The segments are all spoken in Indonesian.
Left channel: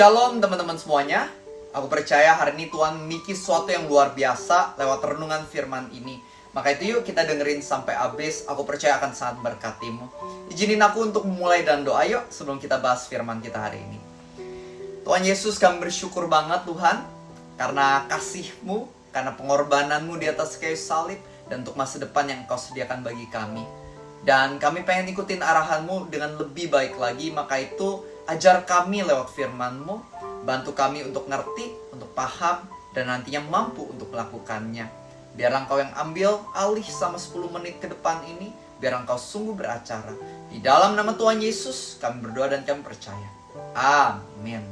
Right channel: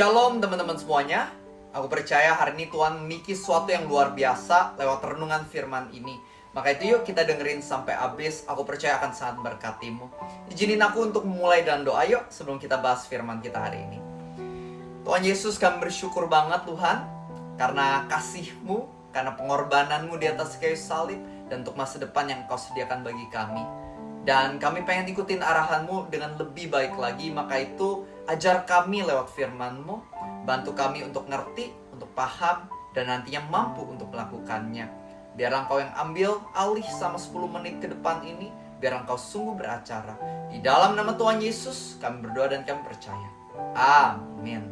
Shalom teman-teman semuanya. Aku percaya hari ini Tuhan memiliki sesuatu yang luar biasa lewat renungan firman ini. Maka itu yuk kita dengerin sampai habis. Aku percaya akan sangat berkatimu. Izinin aku untuk memulai dan doa yuk sebelum kita bahas firman kita hari ini. Tuhan Yesus, kami bersyukur banget Tuhan karena kasih-Mu, karena pengorbanan-Mu di atas kayu salib, dan untuk masa depan yang Kau sediakan bagi kami. Dan kami pengen ikutin arahan-Mu dengan lebih baik lagi. Maka itu ajar kami lewat firman-Mu, bantu kami untuk ngerti, untuk paham, dan nantinya mampu untuk melakukannya. Biar Engkau yang ambil alih sama 10 menit ke depan ini, biar Engkau sungguh beracara. Di dalam nama Tuhan Yesus kami berdoa dan kami percaya. Amin.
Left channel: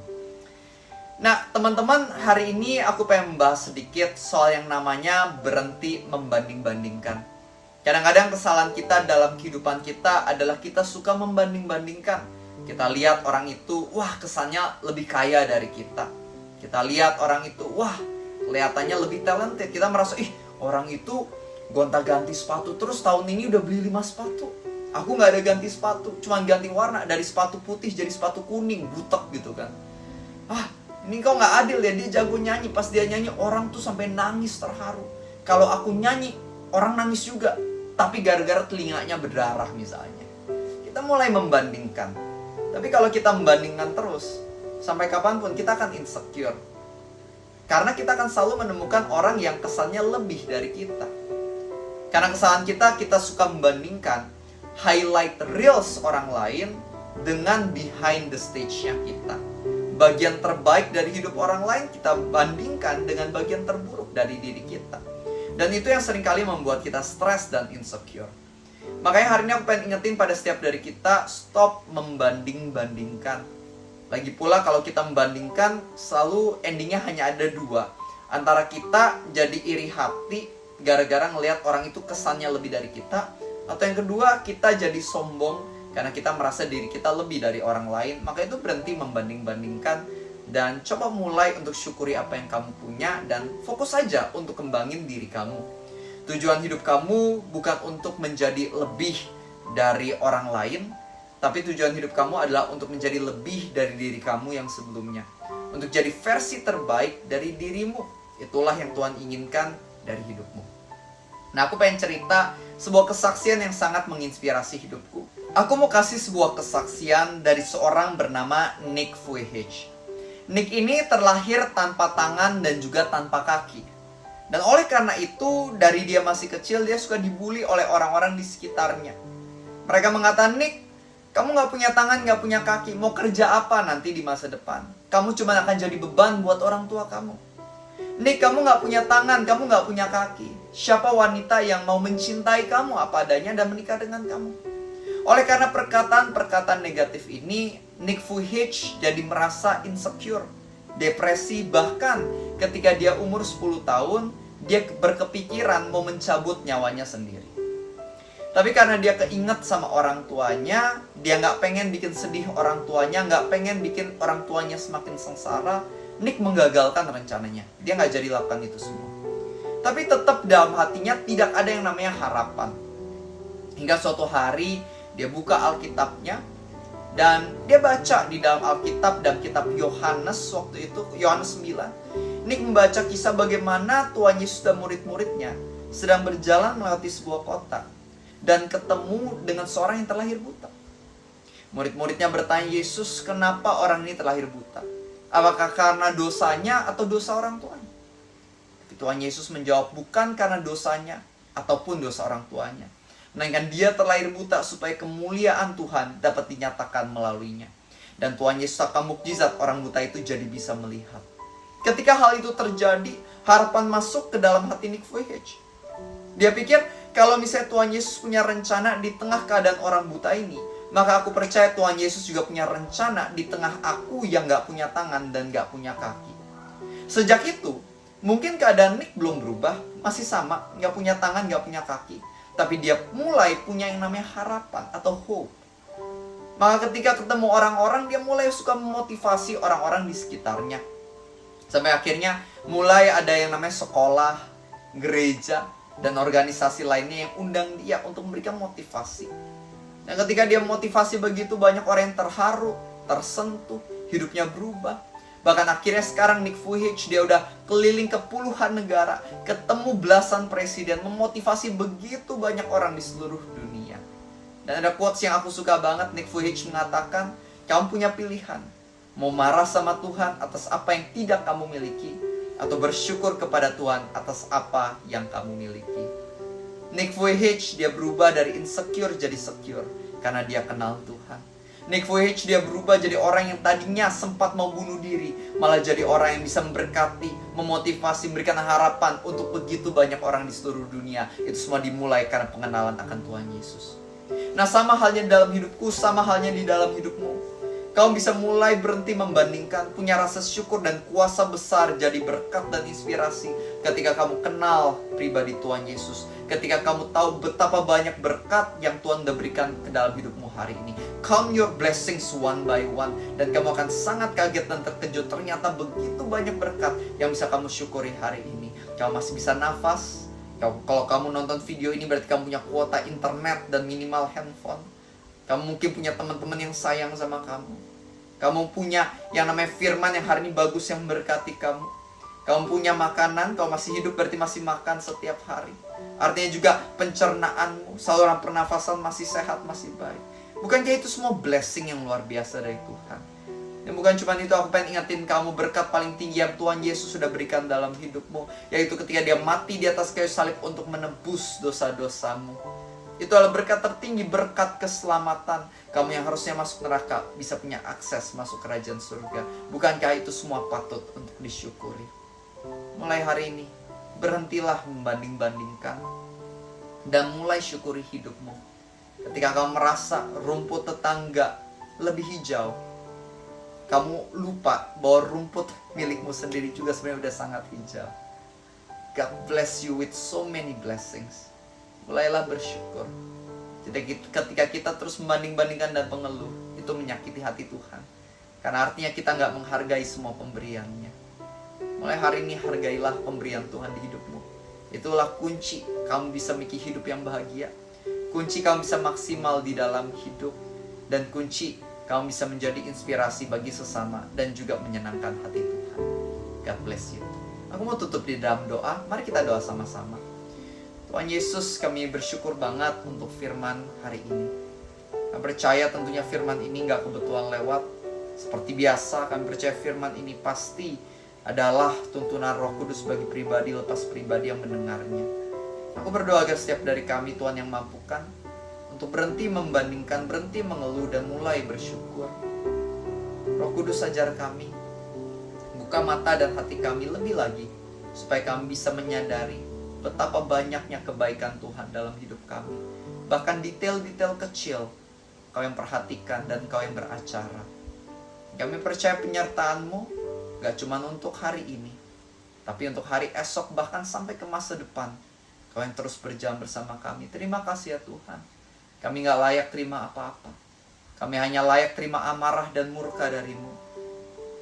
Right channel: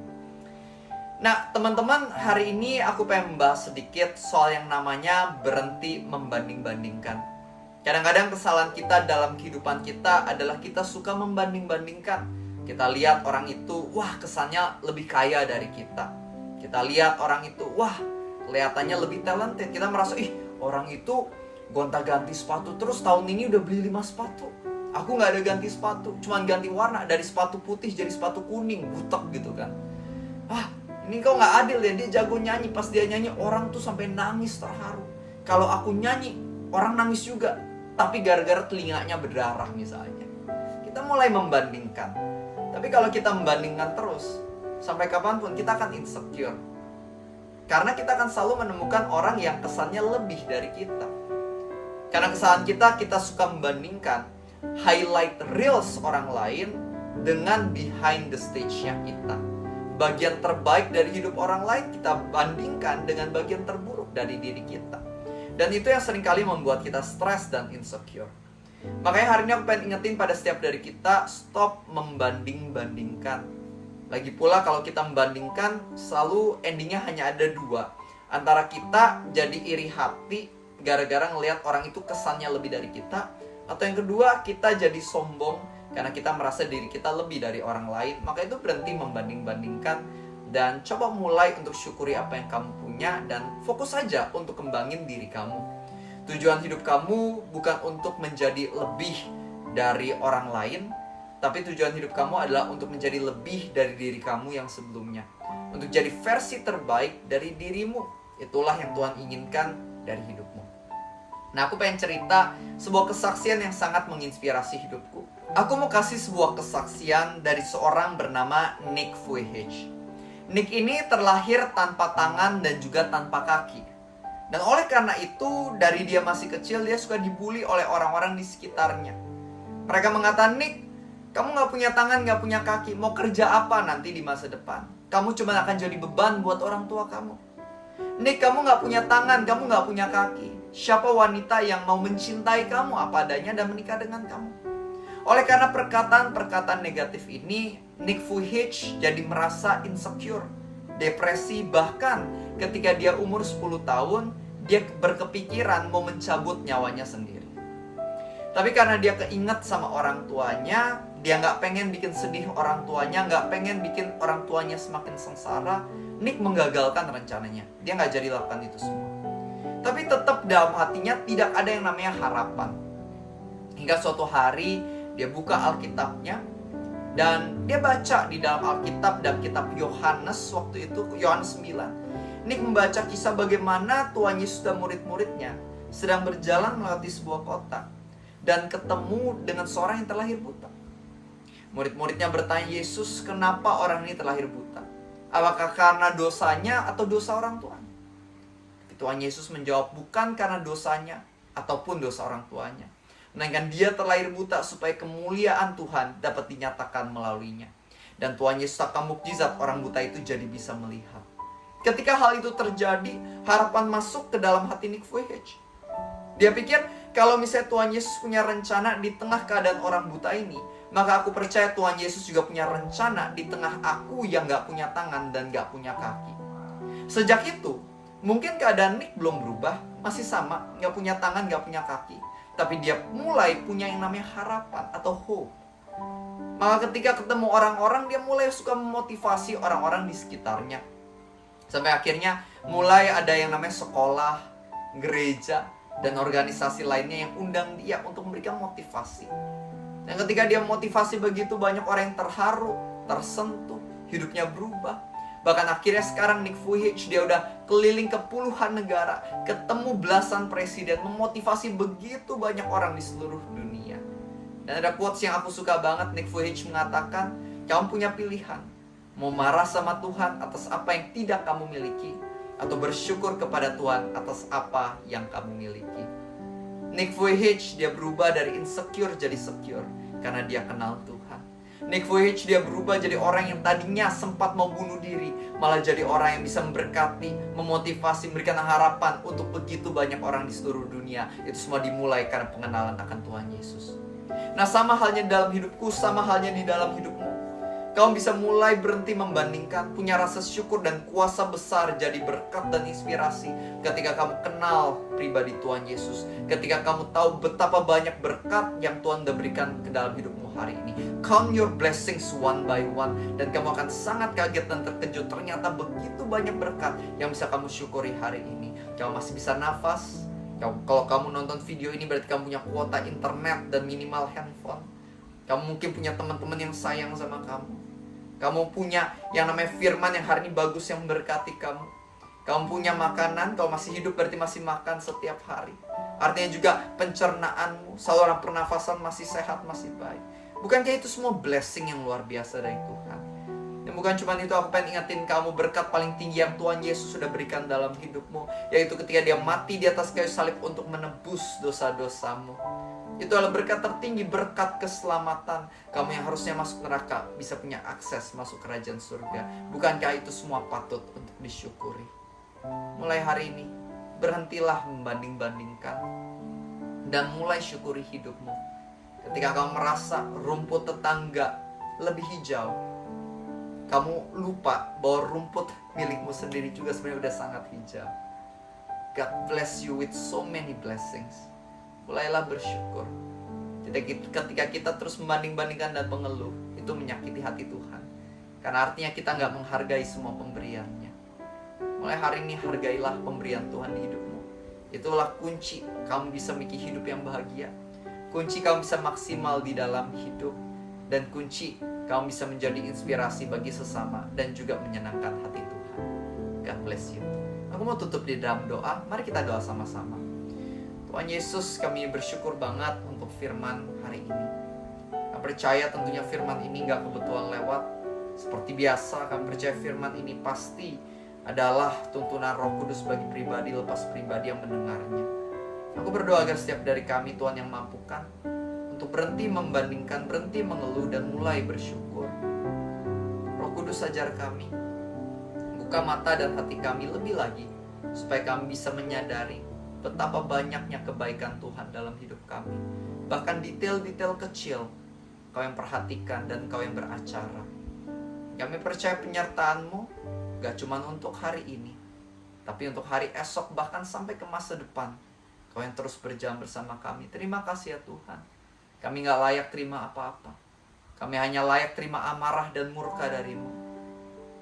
Nah teman-teman, hari ini aku pengen membahas sedikit soal yang namanya berhenti membanding-bandingkan. Kadang-kadang kesalahan kita dalam kehidupan kita adalah kita suka membanding-bandingkan. Kita lihat orang itu, wah kesannya lebih kaya dari kita. Kita lihat orang itu, wah kelihatannya lebih talented. Kita merasa, orang itu gonta-ganti sepatu terus tahun ini udah beli 5 sepatu. Aku gak ada ganti sepatu, cuma ganti warna dari sepatu putih jadi sepatu kuning, butek gitu kan. Ini kok gak adil ya, dia jago nyanyi. Pas dia nyanyi, orang tuh sampai nangis terharu. Kalau aku nyanyi, orang nangis juga. Tapi gara-gara telinganya berdarah misalnya. Kita mulai membandingkan. Tapi kalau kita membandingkan terus, sampai kapanpun kita akan insecure. Karena kita akan selalu menemukan orang yang kesannya lebih dari kita. Karena kesalahan kita suka membandingkan highlight reels orang lain dengan behind the stage-nya kita. Bagian terbaik dari hidup orang lain kita bandingkan dengan bagian terburuk dari diri kita. Dan itu yang seringkali membuat kita stres dan insecure. Makanya hari ini aku pengen ingetin pada setiap dari kita, stop membanding-bandingkan. Lagi pula kalau kita membandingkan, selalu endingnya hanya ada 2. Antara kita jadi iri hati gara-gara ngelihat orang itu kesannya lebih dari kita, atau yang kedua kita jadi sombong karena kita merasa diri kita lebih dari orang lain. Maka itu berhenti membanding-bandingkan dan coba mulai untuk syukuri apa yang kamu punya dan fokus saja untuk kembangin diri kamu. Tujuan hidup kamu bukan untuk menjadi lebih dari orang lain, tapi tujuan hidup kamu adalah untuk menjadi lebih dari diri kamu yang sebelumnya. Untuk jadi versi terbaik dari dirimu. Itulah yang Tuhan inginkan dari hidupmu. Nah, aku pengen cerita sebuah kesaksian yang sangat menginspirasi hidupku. Aku mau kasih sebuah kesaksian dari seorang bernama Nick Vujicic. Nick ini terlahir tanpa tangan dan juga tanpa kaki. Dan oleh karena itu, dari dia masih kecil, dia suka dibully oleh orang-orang di sekitarnya. Mereka mengatakan, Nick, kamu gak punya tangan, gak punya kaki, mau kerja apa nanti di masa depan? Kamu cuma akan jadi beban buat orang tua kamu. Nick, kamu gak punya tangan, kamu gak punya kaki. Siapa wanita yang mau mencintai kamu apa adanya dan menikah dengan kamu? Oleh karena perkataan-perkataan negatif ini, Nick Vujicic jadi merasa insecure, depresi, bahkan ketika dia umur 10 tahun, dia berkepikiran mau mencabut nyawanya sendiri. Tapi karena dia keinget sama orang tuanya, dia gak pengen bikin sedih orang tuanya, gak pengen bikin orang tuanya semakin sengsara, Nick menggagalkan rencananya. Dia gak jadi lakukan itu semua. Tapi tetap dalam hatinya tidak ada yang namanya harapan. Hingga suatu hari, dia buka Alkitabnya, dan dia baca di dalam Alkitab dan kitab Yohanes waktu itu, Yohanes 9. Nick membaca kisah bagaimana Tuhan Yesus dan murid-muridnya sedang berjalan melewati sebuah kota dan ketemu dengan seorang yang terlahir buta. Murid-muridnya bertanya, Yesus, kenapa orang ini terlahir buta? Apakah karena dosanya atau dosa orang tuanya? Tapi Tuhan Yesus menjawab, bukan karena dosanya ataupun dosa orang tuanya, melainkan dia terlahir buta supaya kemuliaan Tuhan dapat dinyatakan melaluinya. Dan Tuhan Yesus akan mukjizat orang buta itu jadi bisa melihat. Ketika hal itu terjadi, harapan masuk ke dalam hati Nick Vujicic. Dia pikir, kalau misalnya Tuhan Yesus punya rencana di tengah keadaan orang buta ini, maka aku percaya Tuhan Yesus juga punya rencana di tengah aku yang gak punya tangan dan gak punya kaki. Sejak itu, mungkin keadaan Nick belum berubah, masih sama, gak punya tangan, gak punya kaki. Tapi dia mulai punya yang namanya harapan atau hope. Maka ketika ketemu orang-orang, dia mulai suka memotivasi orang-orang di sekitarnya. Sampai akhirnya mulai ada yang namanya sekolah, gereja, dan organisasi lainnya yang undang dia untuk memberikan motivasi. Dan ketika dia motivasi begitu, banyak orang yang terharu, tersentuh, hidupnya berubah. Bahkan akhirnya sekarang Nick Vujicic dia udah keliling ke puluhan negara, ketemu belasan presiden, memotivasi begitu banyak orang di seluruh dunia. Dan ada quotes yang aku suka banget. Nick Vujicic mengatakan, kamu punya pilihan, mau marah sama Tuhan atas apa yang tidak kamu miliki, atau bersyukur kepada Tuhan atas apa yang kamu miliki. Nick Vujicic dia berubah dari insecure jadi secure karena dia kenal Tuhan. Nick Vujicic dia berubah jadi orang yang tadinya sempat mau bunuh diri, malah jadi orang yang bisa memberkati, memotivasi, memberikan harapan untuk begitu banyak orang di seluruh dunia. Itu semua dimulai karena pengenalan akan Tuhan Yesus. Nah, sama halnya dalam hidupku, sama halnya di dalam hidupmu. Kamu bisa mulai berhenti membandingkan, punya rasa syukur dan kuasa besar jadi berkat dan inspirasi ketika kamu kenal pribadi Tuhan Yesus. Ketika kamu tahu betapa banyak berkat yang Tuhan udah berikan ke dalam hidupmu hari ini. Count your blessings one by one. Dan kamu akan sangat kaget dan terkejut. Ternyata begitu banyak berkat yang bisa kamu syukuri hari ini. Kamu masih bisa nafas. Kalau kamu nonton video ini berarti kamu punya kuota internet dan minimal handphone. Kamu mungkin punya teman-teman yang sayang sama kamu. Kamu punya yang namanya firman yang hari ini bagus yang memberkati kamu. Kamu punya makanan, kamu masih hidup berarti masih makan setiap hari. Artinya juga pencernaanmu, saluran pernafasan masih sehat, masih baik. Bukankah itu semua blessing yang luar biasa dari Tuhan? Dan bukan cuma itu, aku pengen ingetin kamu berkat paling tinggi yang Tuhan Yesus sudah berikan dalam hidupmu, yaitu ketika dia mati di atas kayu salib untuk menebus dosa-dosamu. Itu adalah berkat tertinggi, berkat keselamatan. Kamu yang harusnya masuk neraka bisa punya akses masuk kerajaan surga. Bukankah itu semua patut untuk disyukuri? Mulai hari ini, berhentilah membanding-bandingkan dan mulai syukuri hidupmu. Ketika kamu merasa rumput tetangga lebih hijau, kamu lupa bahwa rumput milikmu sendiri juga sebenarnya udah sangat hijau. God bless you with so many blessings. Mulailah bersyukur. Jadi ketika kita terus membanding-bandingkan dan mengeluh, itu menyakiti hati Tuhan. Karena artinya kita nggak menghargai semua pemberiannya. Mulai hari ini hargailah pemberian Tuhan di hidupmu. Itulah kunci kamu bisa memiliki hidup yang bahagia. Kunci kamu bisa maksimal di dalam hidup. Dan kunci kamu bisa menjadi inspirasi bagi sesama dan juga menyenangkan hati Tuhan. God bless you. Aku mau tutup di dalam doa. Mari kita doa sama-sama. Tuhan Yesus, kami bersyukur banget untuk firman hari ini. Kami percaya tentunya firman ini gak kebetulan lewat. Seperti biasa, kami percaya firman ini pasti adalah tuntunan Roh Kudus bagi pribadi lepas pribadi yang mendengarnya. Aku berdoa agar setiap dari kami Tuhan yang mampukan untuk berhenti membandingkan, berhenti mengeluh dan mulai bersyukur. Roh Kudus ajar kami, buka mata dan hati kami lebih lagi, supaya kami bisa menyadari betapa banyaknya kebaikan Tuhan dalam hidup kami. Bahkan detail-detail kecil Kau yang perhatikan dan Kau yang beracara. Kami percaya penyertaan-Mu gak cuma untuk hari ini, tapi untuk hari esok bahkan sampai ke masa depan. Kau yang terus berjalan bersama kami. Terima kasih ya Tuhan. Kami gak layak terima apa-apa. Kami hanya layak terima amarah dan murka dari-Mu.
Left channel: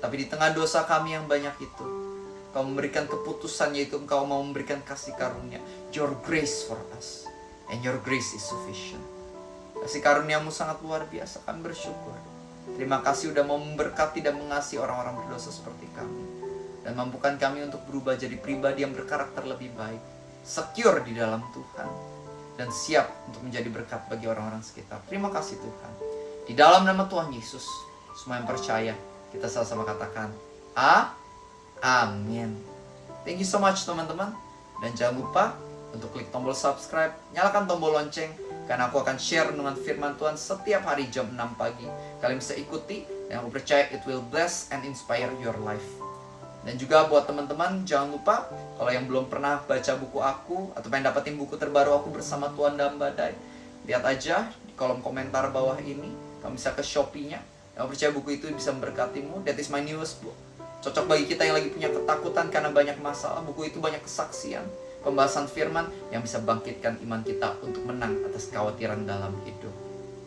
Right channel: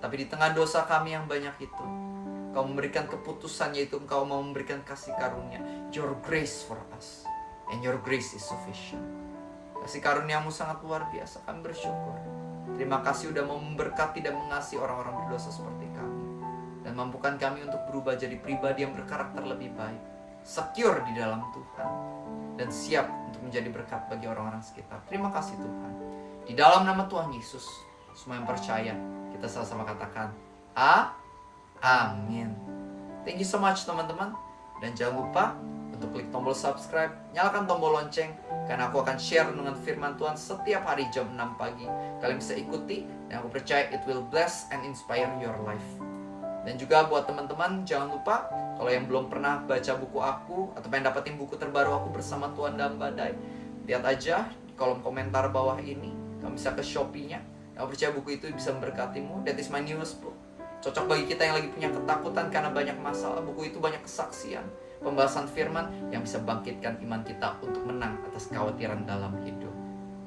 Tapi di tengah dosa kami yang banyak itu, Kau memberikan keputusan, yaitu Engkau mau memberikan kasih karunia. Your grace for us. And your grace is sufficient. Kasih karunia-Mu sangat luar biasa. Kami bersyukur. Terima kasih udah mau memberkati dan mengasihi orang-orang berdosa seperti kami. Dan mampukan kami untuk berubah jadi pribadi yang berkarakter lebih baik. Secure di dalam Tuhan. Dan siap untuk menjadi berkat bagi orang-orang sekitar. Terima kasih Tuhan. Di dalam nama Tuhan Yesus, semua yang percaya, kita sama-sama katakan, Amin. Thank you so much teman-teman. Dan jangan lupa untuk klik tombol subscribe, nyalakan tombol lonceng, karena aku akan share renungan firman Tuhan setiap hari jam 6 pagi. Kalian bisa ikuti, dan aku percaya it will bless and inspire your life. Dan juga buat teman-teman, jangan lupa kalau yang belum pernah baca buku aku, atau pengen dapetin buku terbaru aku bersama Tuhan dalam Badai, lihat aja di kolom komentar bawah ini. Kamu bisa ke Shopee-nya. Aku percaya buku itu bisa memberkatimu. That is my newest book. Cocok bagi kita yang lagi punya ketakutan karena banyak masalah. Buku itu banyak kesaksian, pembahasan firman yang bisa bangkitkan iman kita untuk menang atas kekhawatiran dalam hidup.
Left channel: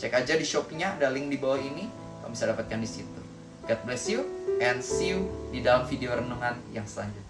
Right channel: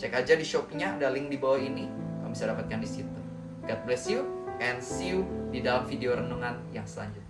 Cek aja di Shopee-nya, ada link di bawah ini. Kamu bisa dapatkan di situ. God bless you and see you di dalam video renungan yang selanjutnya.